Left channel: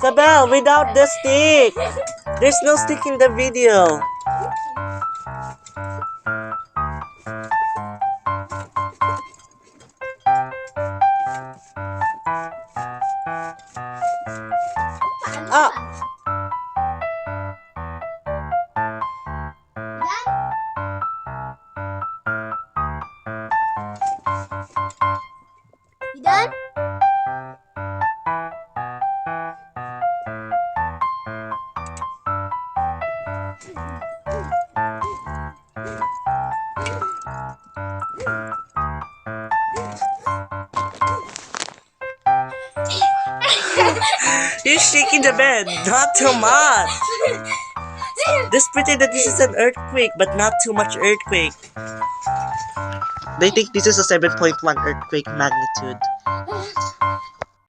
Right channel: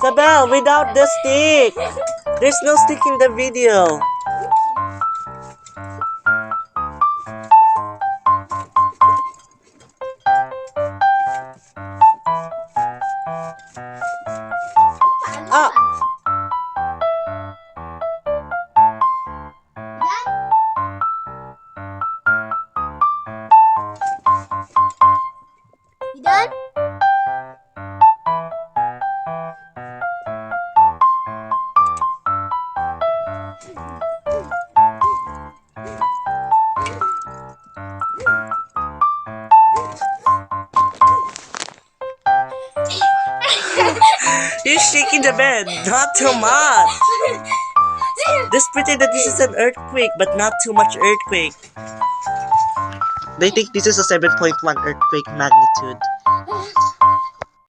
Isabel, without the stick! There's no stick in the video. Ah! You done? You're shaking the bed, not too much. Let's pretend that this is an earthquake, but not too much earthquake. They think this is a 7.1 earthquake magnitude.